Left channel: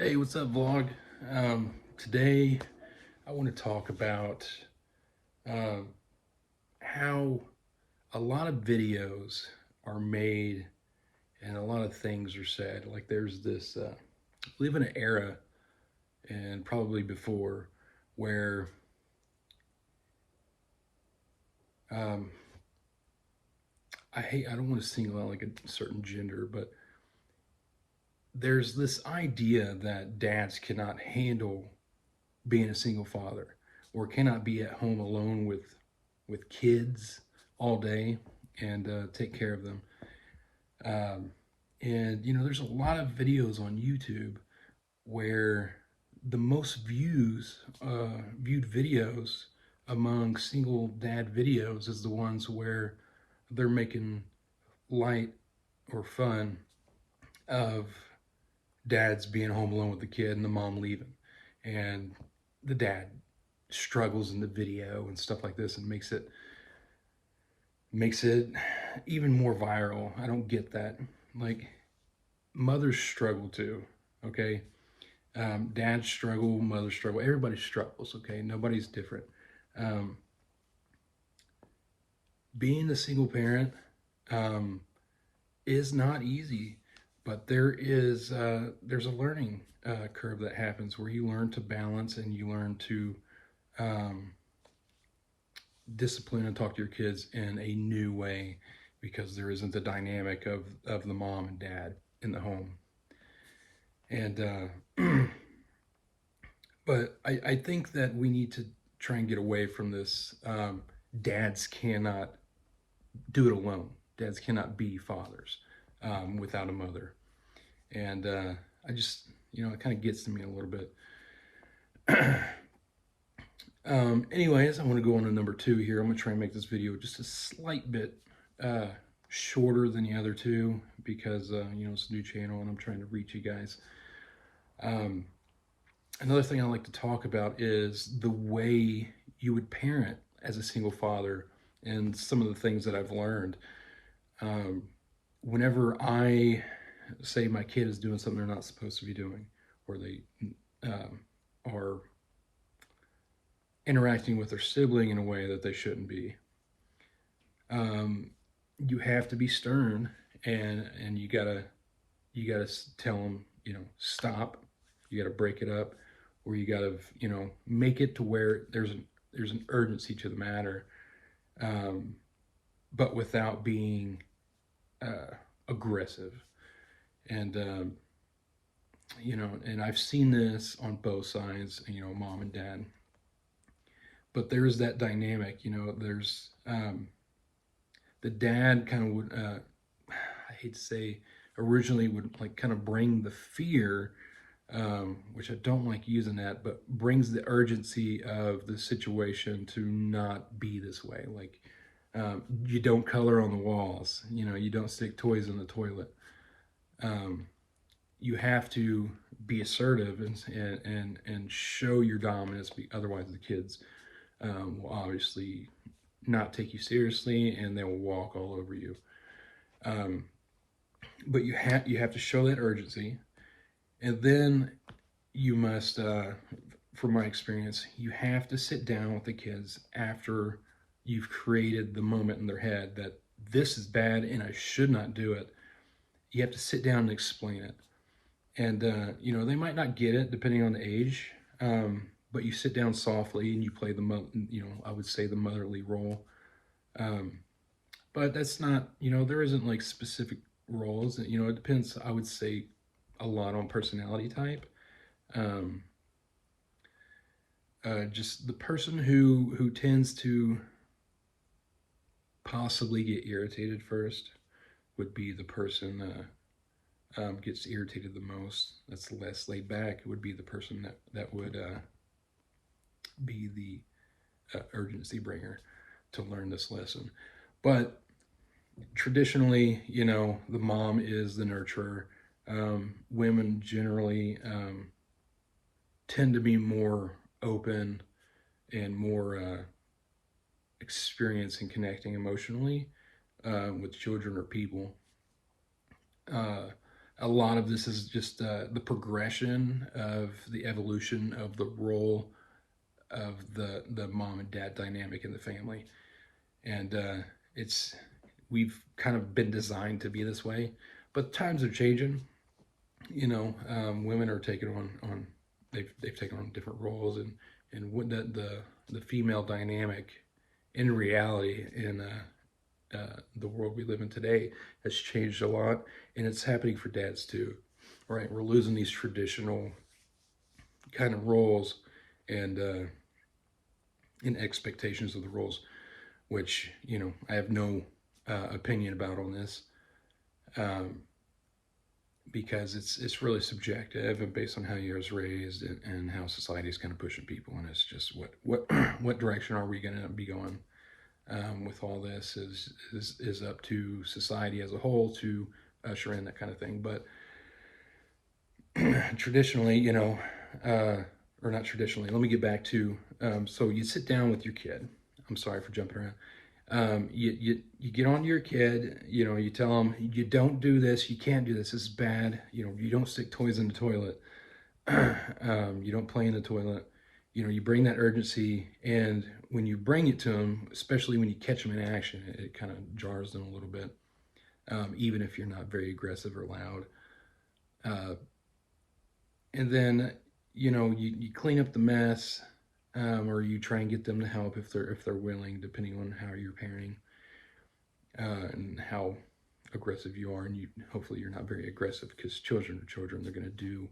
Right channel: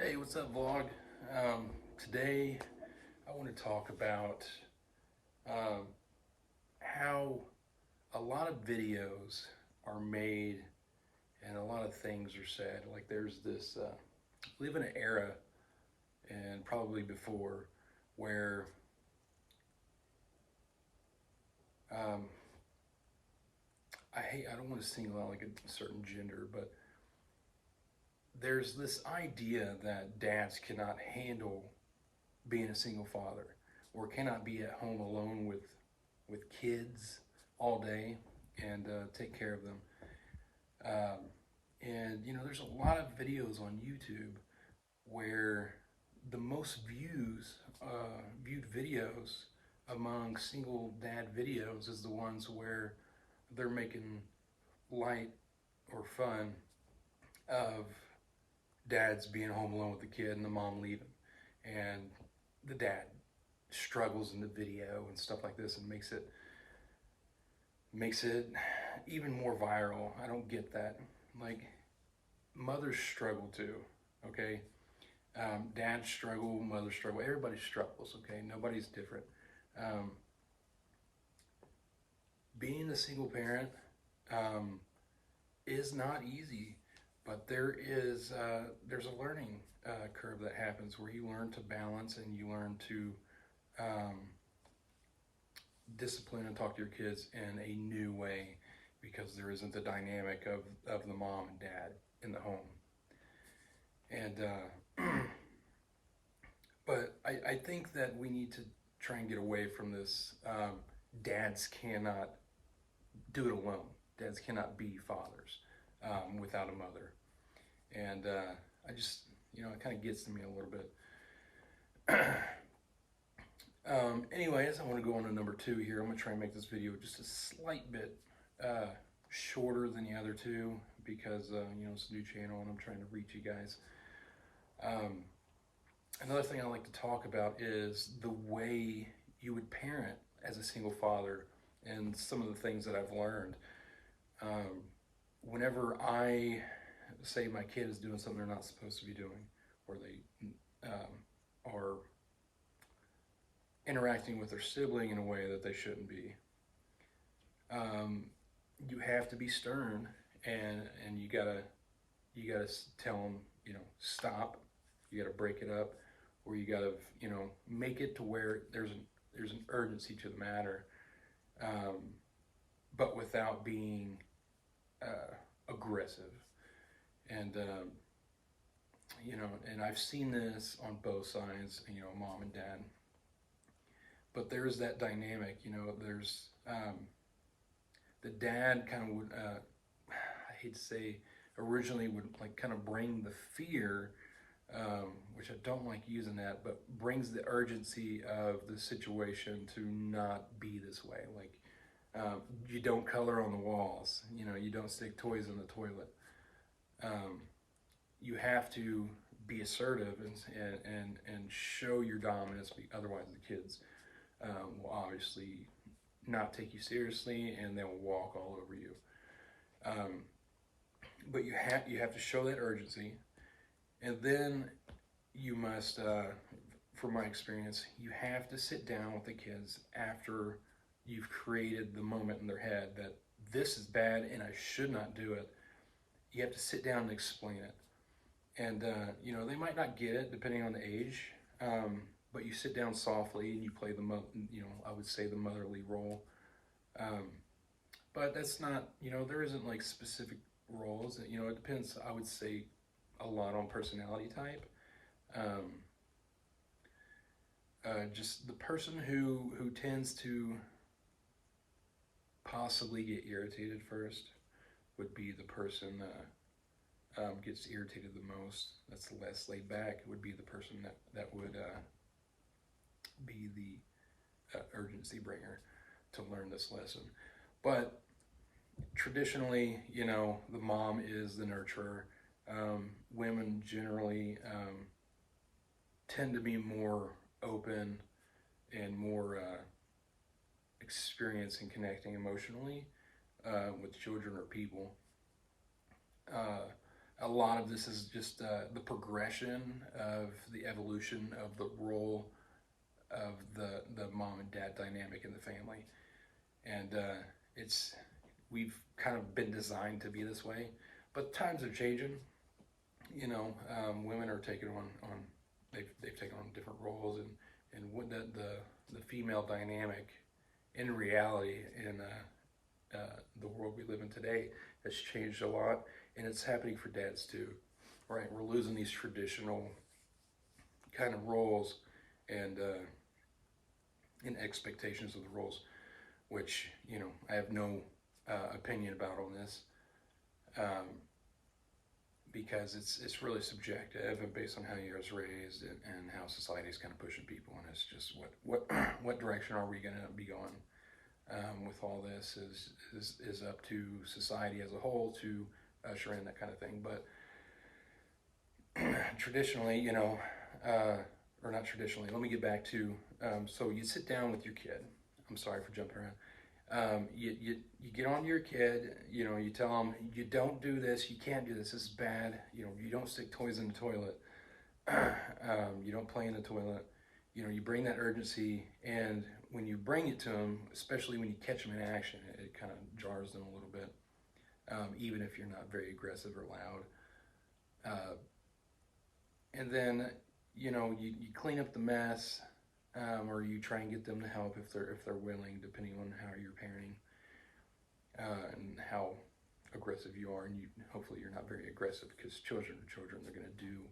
Hey, what's up, vlog? Today I want to talk about uh, how a lot of videos are made and a lot of things are said. Like there's this, we live in an era, and probably before, where um, I don't want to single out like a certain gender, but there's this idea that dads cannot handle being a single father or cannot be at home alone with kids all day and take care of them. Um, and there's a lot of videos on YouTube where the most viewed videos among single dad videos is the ones where they're making light or fun of dads being home alone with the kid and the mom leaving, and the dad struggles in the video and stuff like this, and makes it even more viral. I don't get that. Like, mothers struggle too, okay? Dads struggle, mothers struggle, everybody struggles, okay? Nobody's different. Um, Being a single parent um, is not easy, but there's a learning curve that happens where you learn to balance and you learn to um, discipline and talk to your kids in a new way, because there isn't the dynamic of the mom and dad in the home. And but I think that we need to try and get away from this. Dads cannot do it alone. Dads cannot be fathers without a mother. And I just, it kind of gets to me a little bit. Anyways, I want to go on to number two here. I'm going to try and make this video just a slight bit uh, shorter than the other two, because, it's a new channel and I'm trying to reach you guys. Another thing I like to talk about is the way you would parent as a single father, and some of the things that I've learned. Whenever I say my kid is doing something they're not supposed to be doing, or they are interacting with their sibling in a way that they shouldn't be, you have to be stern, and you gotta tell them, stop. You gotta break it up, or you gotta make it to where there's an urgency to the matter, but without being aggressive. And and I've seen this on both sides, mom and dad. But there's that dynamic, there's the dad kind of would, I hate to say, originally would like kind of bring the fear, which I don't like using that, but brings the urgency of the situation to not be this way. Like, you don't color on the walls, you don't stick toys in the toilet. You have to be assertive and show your dominance. Otherwise, the kids will obviously not take you seriously, and they will walk all over you. But you have to show that urgency, and then you must, from my experience, you have to sit down with the kids after you've created the moment in their head that this is bad and I should not do it. You have to sit down and explain it. And they might not get it depending on the age, but you sit down softly and you play I would say the motherly role. But that's not, there isn't like specific roles. It depends, I would say, a lot on personality type. Just the person who tends to possibly get irritated first would be the person gets irritated the most. That's less laid back. It would be the person that would be the urgency bringer to learn this lesson. But traditionally, the mom is the nurturer. Women generally tend to be more open and more experienced in connecting emotionally with children or people. a lot of this is just the progression of the evolution of the role of the mom and dad dynamic in the family, and it's we've kind of been designed to be this way, but times are changing. Women are taking on they've taken on different roles, and what the female dynamic in reality in the world we live in today has changed a lot, and it's happening for dads too. Right, we're losing these traditional kind of roles and expectations of the roles, which I have no opinion about on this. Um, because it's really subjective and based on how you was raised, and how society is kind of pushing people, and it's just what what direction are we going to be going with all this is up to society as a whole to usher in that kind of thing. But traditionally, or not traditionally, let me get back to so you sit down with your kid. I'm sorry for jumping around. You get on to your kid, you tell them, you don't do this, you can't do this is bad, you don't stick toys in the toilet, you don't play in the toilet, you bring that urgency, and when you bring it to them, especially when you catch them in action, it kind of jars them a little bit, even if you're not very aggressive or loud. And then, you clean up the mess, or you try and get them to help if they're willing, depending on how you're parenting, and how aggressive you are. And hopefully you're not very aggressive, because children are children. They're going to do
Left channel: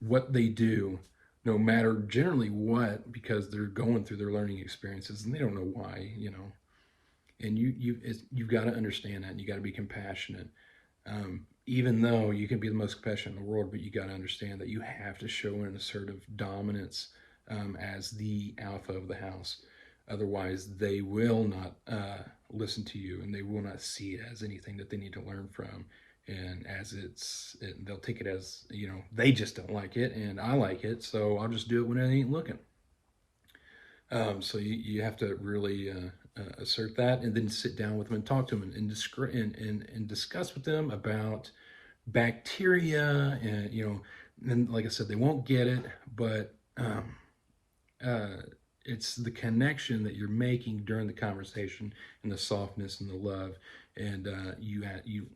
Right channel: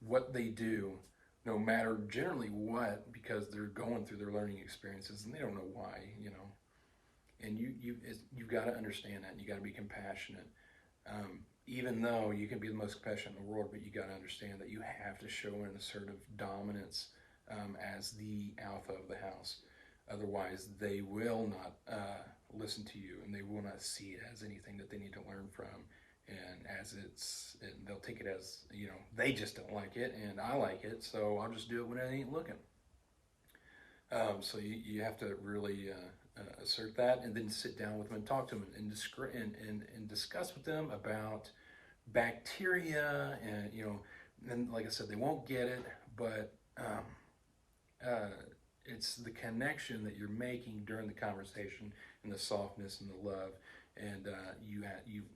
what they do, no matter generally what, because they're going through their learning experiences and they don't know why. And you've got to understand that, and you got to be compassionate. Even though you can be the most compassionate in the world, but you got to understand that you have to show an assertive dominance as the alpha of the house. Otherwise, they will not listen to you, and they will not see it as anything that they need to learn from. And they'll take it as, they just don't like it, and I like it, so I'll just do it when I ain't looking. So you have to really assert that, and then sit down with them and talk to them, and discuss with them about bacteria, and like I said, they won't get it, but it's the connection that you're making during the conversation, and the softness and the love, and you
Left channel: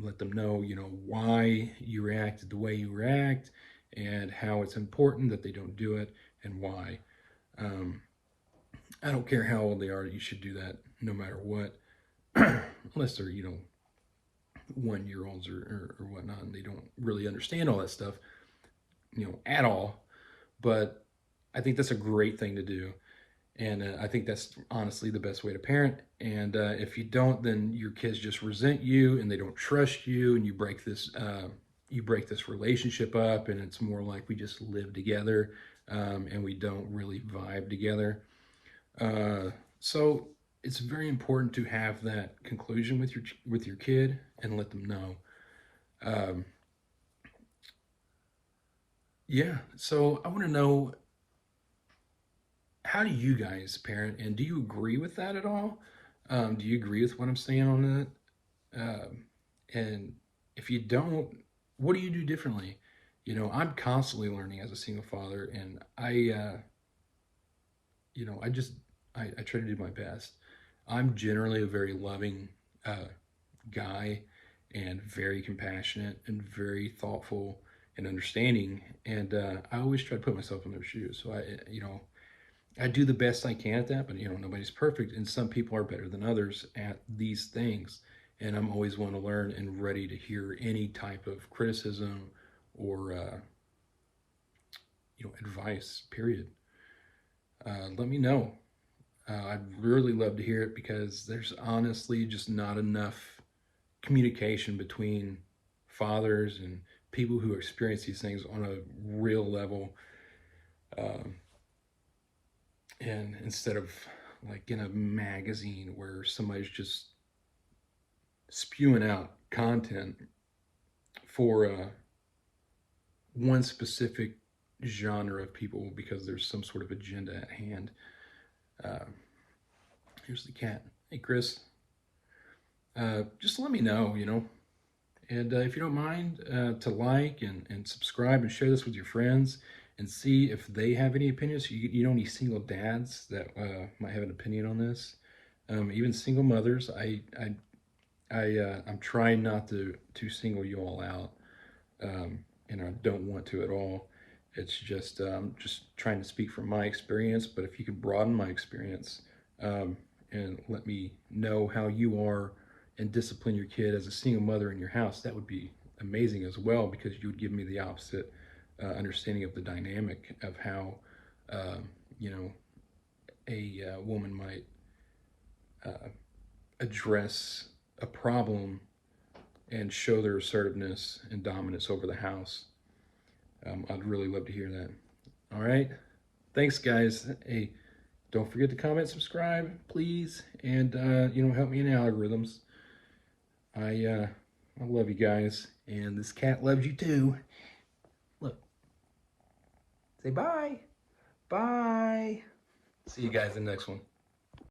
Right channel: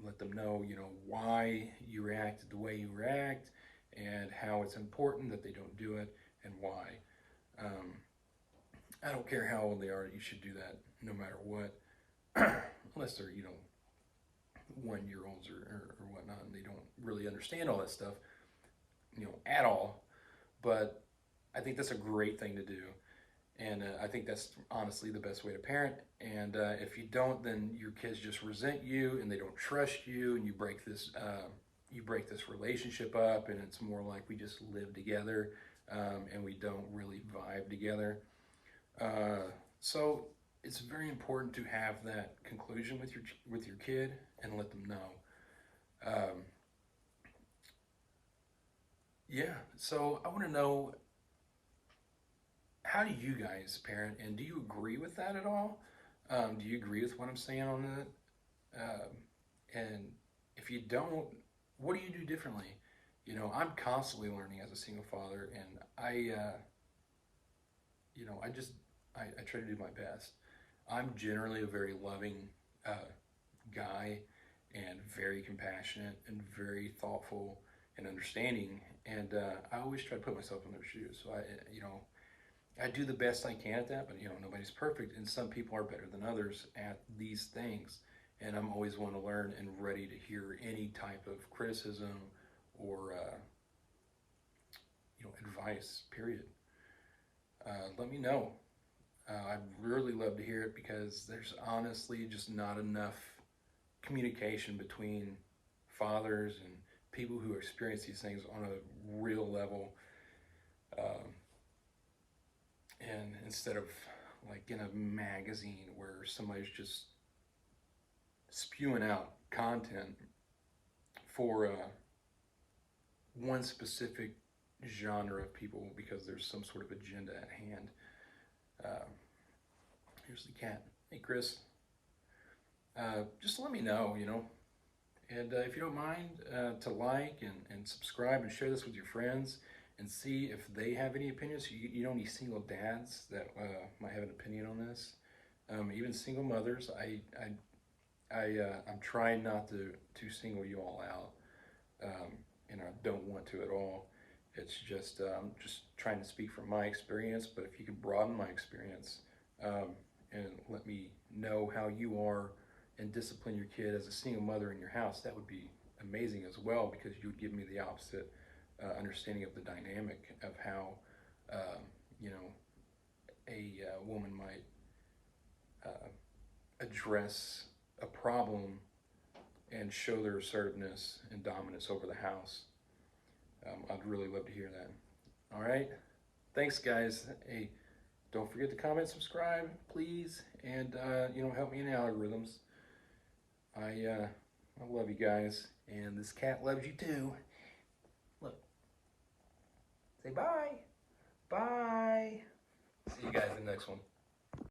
let them know, why you reacted the way you react, and how it's important that they don't do it, and why. I don't care how old they are, you should do that no matter what, unless they're 1 year olds or whatnot, and they don't really understand all that stuff, at all. But I think that's a great thing to do, and I think that's honestly the best way to parent. And if you don't, then your kids just resent you, and they don't trust you, and you break this relationship up, and it's more like we just live together, and we don't really vibe together. So it's very important to have that conclusion with your kid, and let them know. Um, yeah. So I want to know, how do you guys parent, and do you agree with that at all? Do you agree with what I'm saying on that? And if you don't, what do you do differently? I'm constantly learning as a single father, and I just I try to do my best. I'm generally a very loving guy, and very compassionate, and very thoughtful and understanding, and I always try to put myself in their shoes. So I do the best I can at that, but nobody's perfect, and some people are better than others at these things. And I'm always one to learn, and ready to hear any type of criticism, or advice. Period. Let me know. I'd really love to hear it, because there's honestly just not enough communication between fathers and people who experience these things on a real level. Um, and instead of like in a magazine where somebody's just spewing out content for one specific genre of people, because there's some sort of agenda at hand. Uh, Here's the cat. Hey, Chris. Just let me know, And if you don't mind, to like and subscribe and share this with your friends and see if they have any opinions. You know any single dads that might have an opinion on this? Even single mothers. I'm trying not to single you all out, and I don't want to at all. It's just trying to speak from my experience. But if you could broaden my experience, and let me know how you are and discipline your kid as a single mother in your house, that would be amazing as well, because you would give me the opposite understanding of the dynamic of how you know a woman might address a problem and show their assertiveness and dominance over the house. I'd really love to hear that. All right. Thanks, guys. Hey, don't forget to comment, subscribe, please, and help me in the algorithms. I love you guys, and this cat loves you too. Look, say bye. Bye. See you guys in the next one.